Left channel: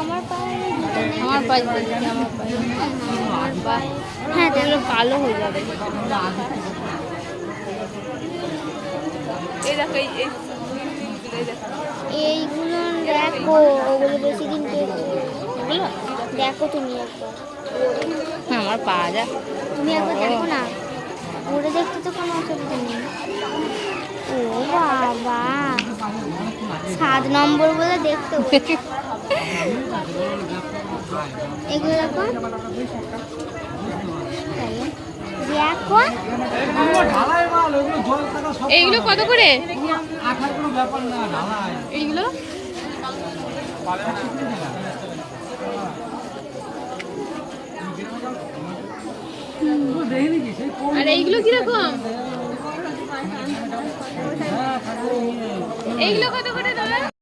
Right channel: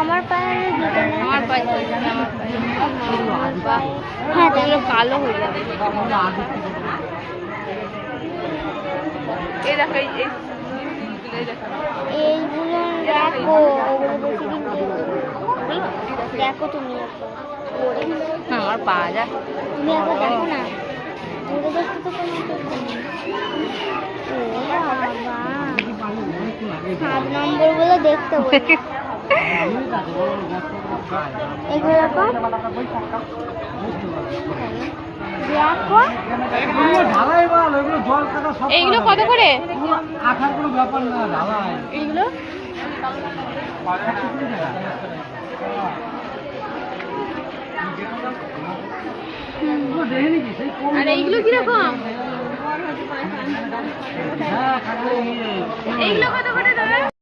আমার পায়ে জুতো নেই। আমার পায়ে হ্যাঁ তাহলে কালো হয়ে যাবে। এইগুলো দেখো, ওগুলো বেশি দিন দেখো তুমি একবার। আমার পাওয়া যায়। তুমি একবার দেখো না, ঘুরে দেখতে তো কোনো অসুবিধা নেই। ও বাবা, 7 নম্বর বলে দেখতে বলছি। এগুলো দেখো, দেখো এইগুলো কত করে? এইগুলো আর এইগুলো কিরকম? এইগুলো কত করে দাদা?